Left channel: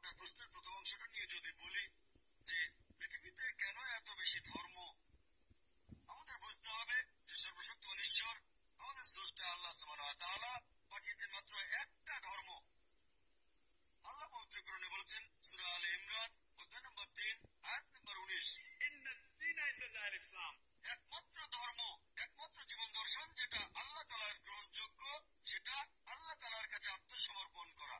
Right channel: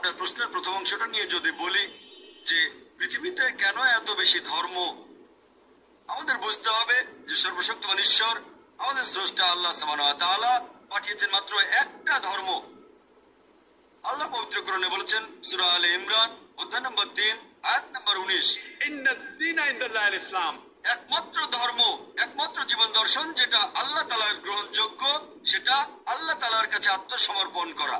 আপনার প্রশ্নের প্রথম অংশটা নিয়ে যদি বলি যে পৃথিবীতে কেন এত বেশি ধর্ম, আমাদের বুঝতে হবে যে সর্বশক্তিমান ঈশ্বর আমাদের স্রষ্টা আল্লাহ সুবহানাহু ওয়া তাআলা পাঠিয়েছেন মাত্র একটা ধর্ম। আল্লাহ পবিত্র কোরআনে বলেছেন সূরা আলে ইমরান অধ্যায় নম্বর 3 আয়াত নম্বর 19, ইন্নাদ-দীনা ইনদাল্লাহিল ইসলাম, একমাত্র ধর্ম, একমাত্র জীবন দর্শন যেটা আল্লাহ তাআলার গ্রহণযোগ্য, সেটা আল্লাহ তাআলার কাছে আত্মসমর্পণ করা।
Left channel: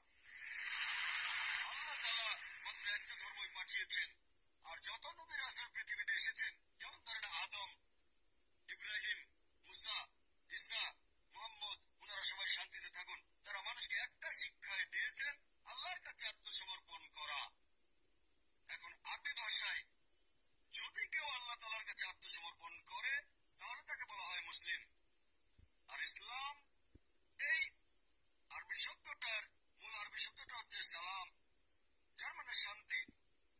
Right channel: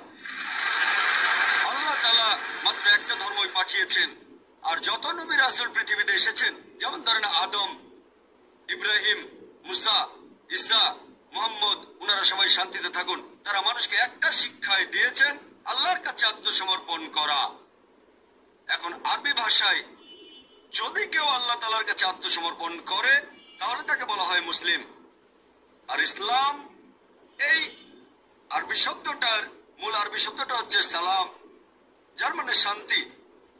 আল্লাহ তাআলা মাত্র একটা ধর্মই পাঠিয়েছেন। আর যত নবী রাসূল পৃথিবীতে এসেছেন, যেমন ধরেন আদম, ইব্রাহিম, মুসা, ঈসা, মুহাম্মদ, ওনারা সবাই শান্তিতে থাকুন, তারা মানুষকে একটা শিক্ষাই দিয়েছেন, আল্লাহর কাছে আত্মসমর্পণ করা। এখন আরবি ভাষায় যদি কেউ আল্লাহ তাআলার কাছে আত্মসমর্পণ করে তাহলে তাকে বলা হয় মুসলিম। আর ইসলাম, এই আরবি শব্দটার মূল আরবি শব্দটা হচ্ছে সালাম, যার মানে শান্তি।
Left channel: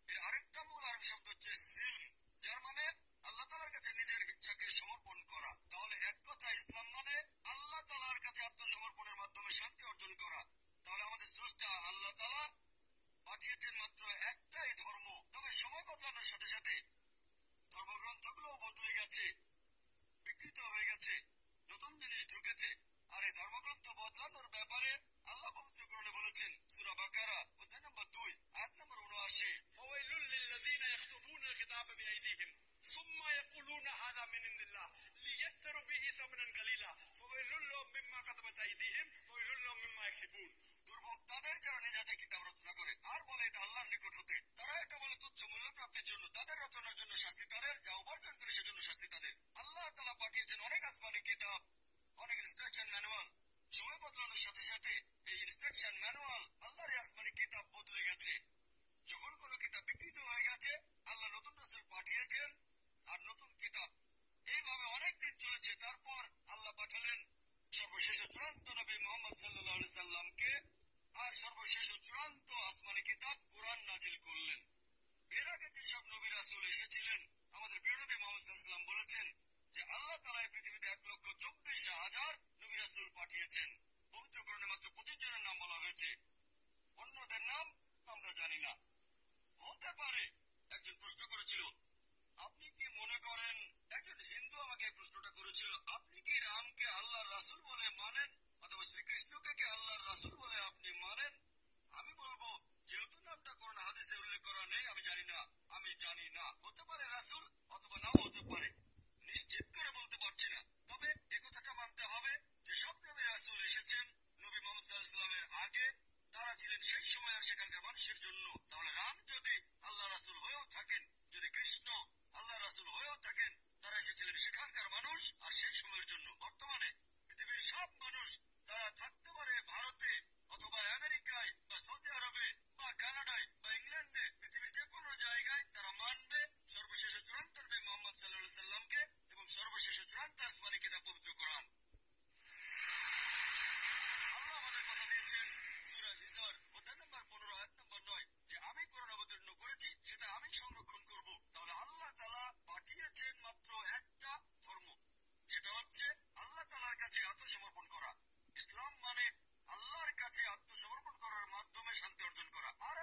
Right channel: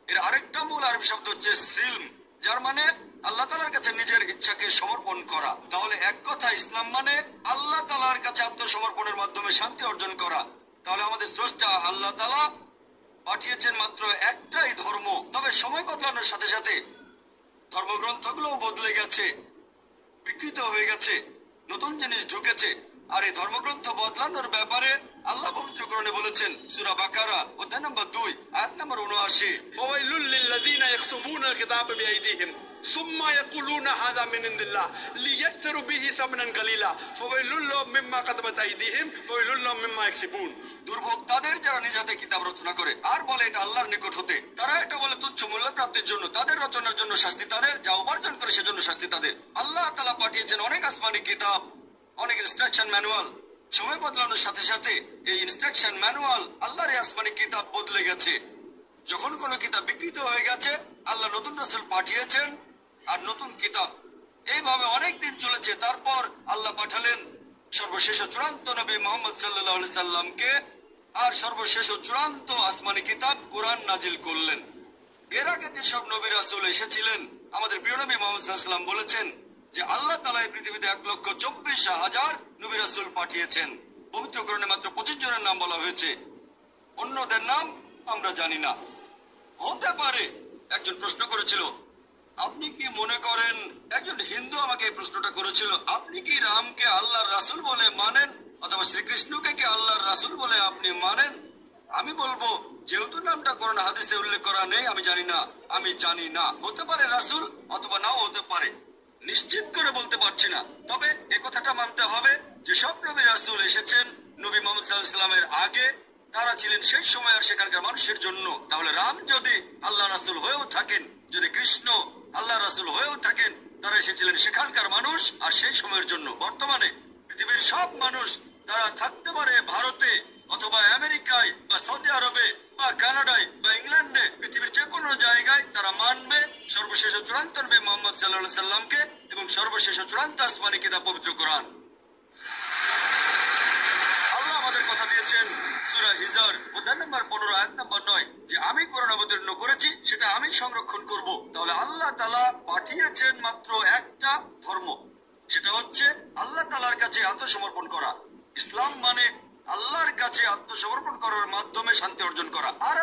এর আরেকটা মূল আরবি শব্দ হচ্ছে সিলম, যার মানে আল্লাহ তাআলার কাছে নিজের ইচ্ছাকে সমর্পণ করা। তাহলে এক কথা ইসলাম মানে আল্লাহ তাআলার কাছে আত্মসমর্পণের মাধ্যমে শান্তি অর্জন করা। তাহলে আমাদের স্রষ্টা আল্লাহ তাআলা পাঠিয়েছেন মাত্র একটাই ধর্ম। তবে সময় বদলানোর সাথে সাথে ধর্মগ্রন্থগুলোও বদলে গেছে, বিকৃত হয়ে গেছে, নতুন জিনিস ঢুকেছে। আর এই ধর্মগ্রন্থ বদলানোর ব্যাপারে আল্লাহ পবিত্র কোরআনে বলেছেন সূরা বাকারা অধ্যায় নম্বর 2 আয়াত নম্বর 79, ফাওয়াইলুল লিল্লাযীনা ইয়াকতুবুনাল কিতাবা বিআইদিহিম সুম্মা ইয়াকুলুনা হাযা মিন ইনদিল্লাহ লিয়াশতারু বিহি সামানান কালীলা ফাওয়াইলুল লাহুম মিম্মা কাতাবাত আইদিহিম ওয়াইলুল লাহুম মিম্মা ইয়াকসিবুন। দুর্ভোগ তাদের যারা নিজ হাতে কিতাব রচনা করে আর বলে এটা আল্লাহর নিকট হতে। তারা এটা বলে তুচ্ছ মূল্য প্রাপ্তির জন্য, তাদের রচনার জন্য শাস্তি তাদের, যা উপার্জন করে সেজন্য শাস্তি তাদের। আল্লাহ তাআলা পাঠিয়েছেন অনেক আসমানি কিতাব, অনেক ইনস্ট্রাকশন ম্যানুয়াল। সময় বদলানোর সাথে সাথে এই ইনস্ট্রাকশন ম্যানুয়াল, আল্লাহর এই আসমানি কিতাব বদলে গেছে। যখন কোনো কিতাব বিকৃত হয়ে গেছে, আল্লাহ নতুন রাসূল পাঠিয়েছেন আর নতুন কিতাব। এইভাবে অনেক দিন চলেছে। তারপর আল্লাহ পাঠালেন সর্বশেষ ও চূড়ান্ত নবী মুহাম্মদ সাল্লাল্লাহু আলাইহি সাল্লামকে, আর সর্বশেষ ও চূড়ান্ত আসমানি কিতাব কোরআন নাজিল করলেন। এর আগে যেসব নবী রাসূল এসেছিলেন, আমাদের প্রিয় নবী মুহাম্মদ সাল্লাল্লাহু আলাইহি সাল্লাম বলেছেন যে আল্লাহ তাআলা এই পৃথিবীতে 1,24,000 নবী রাসূল পাঠিয়েছেন। পবিত্র কোরআনে মাত্র 25 জনের নাম বলা হয়েছে, অন্যদের নাম আমরা জানি না। হতে পারে একজন প্রশ্ন করেছিল, আপনি কি মনে করেন, একজন হিন্দু আমাকে এই প্রশ্নটা করেছিল, আপনি কি রামকে আল্লাহর রাসূল বলে মানেন অথবা শ্রীকৃষ্ণকে কি আল্লাহর রাসূল বলে আপনি মানেন? আমি বলবো, যেহেতু নামটা কোরআন হাদিসে উল্লেখ করা নেই, আমি জানি না। আমি জানি না, হতে পারে রাসূল অথবা নাও হতে পারে, নিশ্চিত করে বলতে পারছি না। তবে এ কথাটা মানতে হবে যে সব নবী রাসূল এসেছেন নবী মুহাম্মদ সাল্লাল্লাহু আলাইহি ওয়াসাল্লামের আগে, তারা ছিলেন সেই সময় আর সেখানকার মানুষের জন্য। তাহলে রাম যদি আল্লাহ রাসূল হয়েও থাকেন, যদি কৃষ্ণ আল্লাহ রাসূল হয়েও থাকেন, তারা এসেছিলেন সেখানকার মানুষ আর সেই সময়ের জন্য। বর্তমানে পৃথিবীর সব মানুষ, তারা থাকতে পারে ভারতে অথবা আমেরিকায় বা সৌদি আরবে বা কানাডায় বা ইংল্যান্ডে, পৃথিবীর যে কোনো জায়গায় তারা মানবে সর্বশেষ ও চূড়ান্ত নবী মুহাম্মদ সাল্লাল্লাহু আলাইহি সাল্লামকে এবং সর্বশেষ ও চূড়ান্ত আসমানি কিতাব পবিত্র কোরআন। আল্লাহ আমাদের কথা দিয়েছেন সূরা হিজর অধ্যায় নম্বর 15 আয়াত নম্বর 9 যে আমি কোরআন অবতীর্ণ করেছি, সেটা আমি সংরক্ষণ করব। তাহলে আল্লাহ তাআলা পাঠিয়েছেন মাত্র একটা ধর্ম, সেটা হচ্ছে আল্লাহ তাআলার কাছে আত্মসমর্পণ করা। ইসলাম মানে আল্লাহর কাছে আত্মসমর্পণ করার মাধ্যমে শান্তি অর্জন করা। আর